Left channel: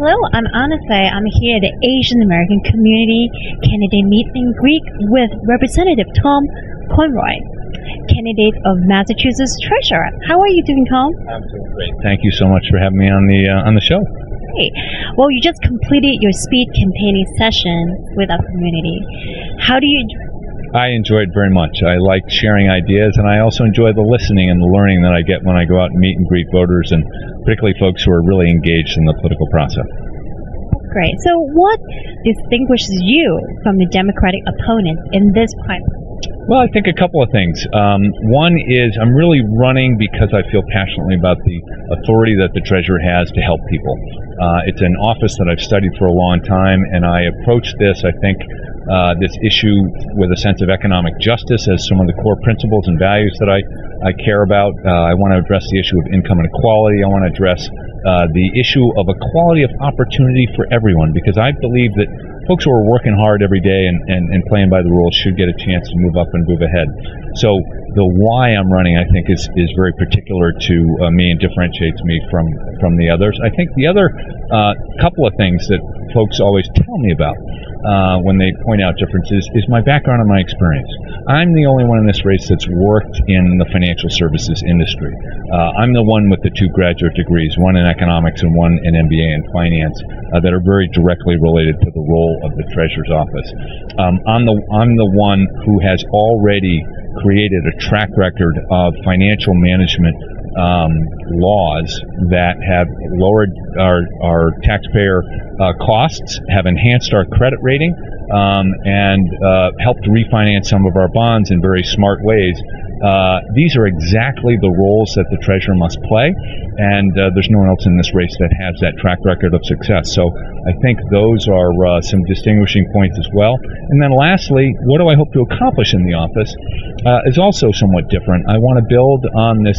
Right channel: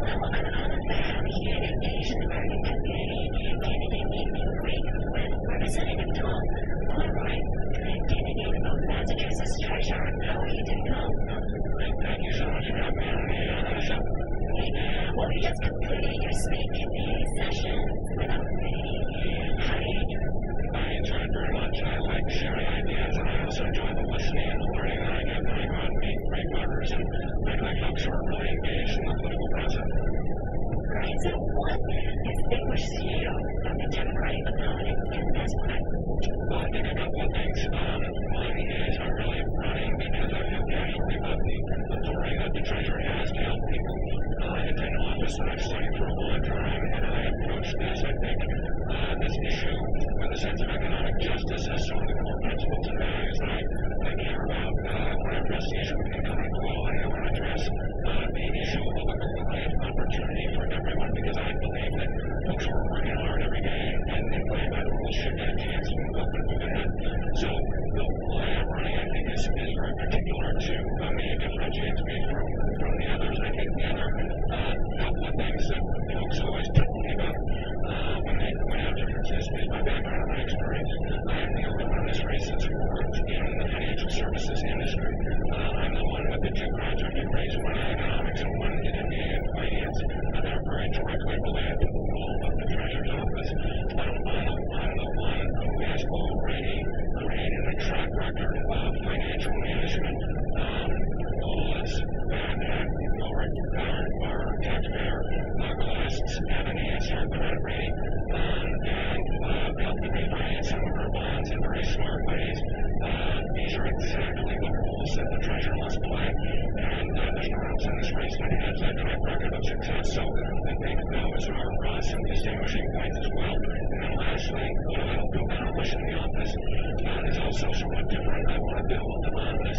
Hello, I'm Anna Faye. I'm here at the Asian American Community Candidate Meet and Greet with Representative Tom Conroy, candidate of Massachusetts Treasurer. How are you doing, Tom? I'm doing great. Thank you so much for having me on the show. Hey, well, you just completed your speed campaigning session with our community. How do you? I enjoyed it very much. I like sharing ideas, and I also enjoy the listening and the learning that I get when I go out and meet and greet voters, and particularly folks who are really engaged in the political process. Great. So what distinguishes you from the Democratic opponents in this primary? Well, I think a couple of things. One is I'm really running because I feel passionately about the authority that the treasurer has to help people. It's an office that I've studied for a long time, and I approach this, I think, this issue with a sense of economic justice as some of the core principles and values that I care about. I want to address the issue of income inequality. I want to address the issue of equality of opportunity for everyone, because I believe that folks who are working hard every day and playing by the rules should get a chance to move up and move ahead. So the why I'm running, I think, is very particular to me and differentiates me from the others. I think the other couple of things that folks always tell me about when they point out differences is my background and my experience. I'm the only one in this race that's worked in the financial services industry. I'm the one with the 2 graduate degrees, one in economics and one in MBA in finance, that are very directly related to the role of the Treasurer's office. I'm the one who has already created a track record of financial management laws that have lowered our taxpayer costs, have enhanced our credit rating, and helped refinance some of our bonds in very smart ways. These are exactly the roles that the treasurer must play, and there's no one else in this race that has that track record of success. So I think those are some distinguishing points as well. And then lastly, what do I hope to accomplish in the office is also somewhat different. I want to build on this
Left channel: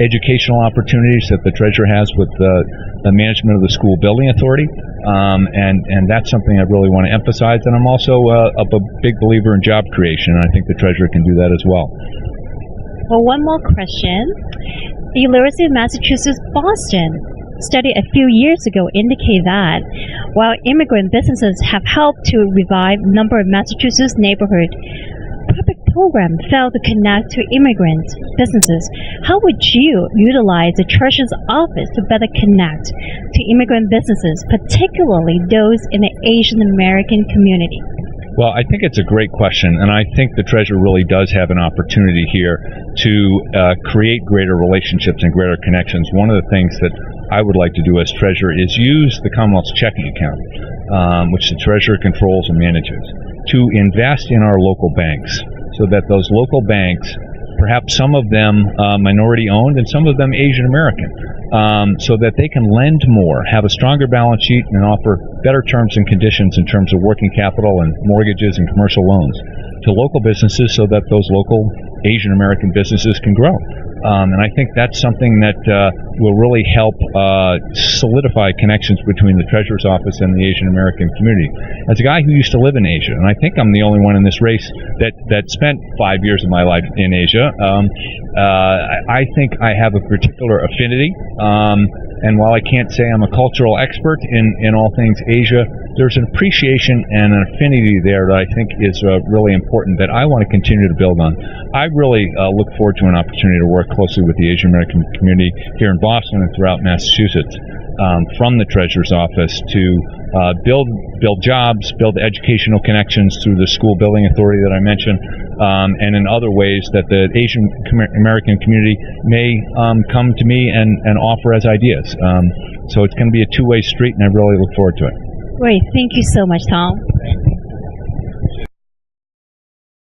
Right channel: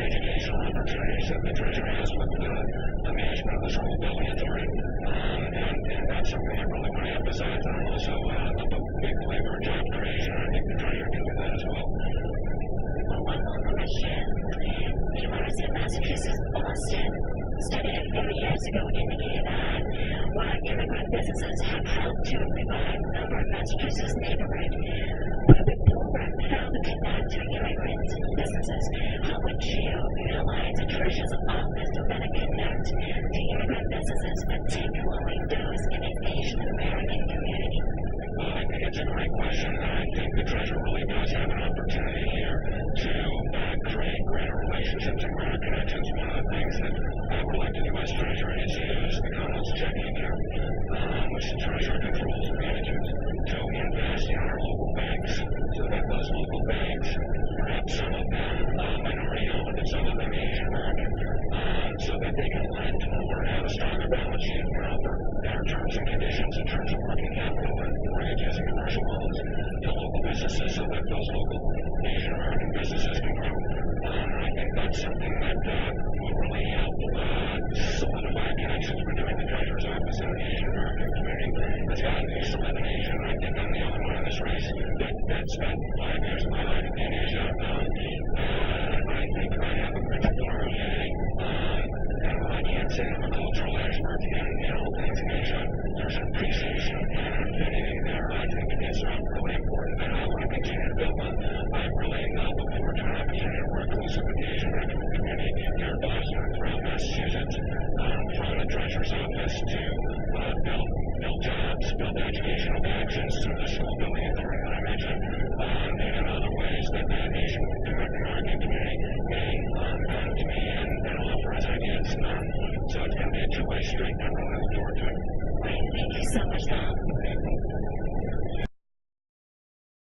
educational opportunities that the treasurer has with the management of the school building authority, and that's something I really want to emphasize. And I'm also a big believer in job creation, and I think the treasurer can do that as well. Well, one more question. The University of Massachusetts Boston study a few years ago indicate that while immigrant businesses have helped to revive a number of Massachusetts neighborhoods, public programs fail to connect to immigrant businesses. How would you utilize the treasurer's office to better connect to immigrant businesses, particularly those in the Asian American community? Well, I think it's a great question, and I think the treasurer really does have an opportunity here to create greater relationships and greater connections. One of the things that I would like to do as treasurer is use the Commonwealth's checking account, which the treasurer controls and manages, to invest in our local banks, so that those local banks, perhaps some of them minority owned and some of them Asian American, so that they can lend more, have a stronger balance sheet, and offer better terms and conditions in terms of working capital and mortgages and commercial loans to local businesses, so that those local Asian American businesses can grow. And I think that's something that will really help solidify connections between the Treasurer's office and the Asian American community. As a guy who used to live in Asia, and I think I'm the only one in this race that spent 5 years of my life in Asia, I think I have a particular affinity. And while I can't say I'm a cultural expert in all things Asia, there's an appreciation and an affinity there that I think is really important that I want to continue to build on. I really look forward to an opportunity to work closely with the Asian American community here in Boston and throughout Massachusetts from the Treasurer's office to build jobs, build educational connections through the school building authority that I mentioned, and in other ways that the Asian American community may come to me and offer as ideas. So it's going to be a two-way street, and I really look forward to it. Great. Thank you so much, Tom.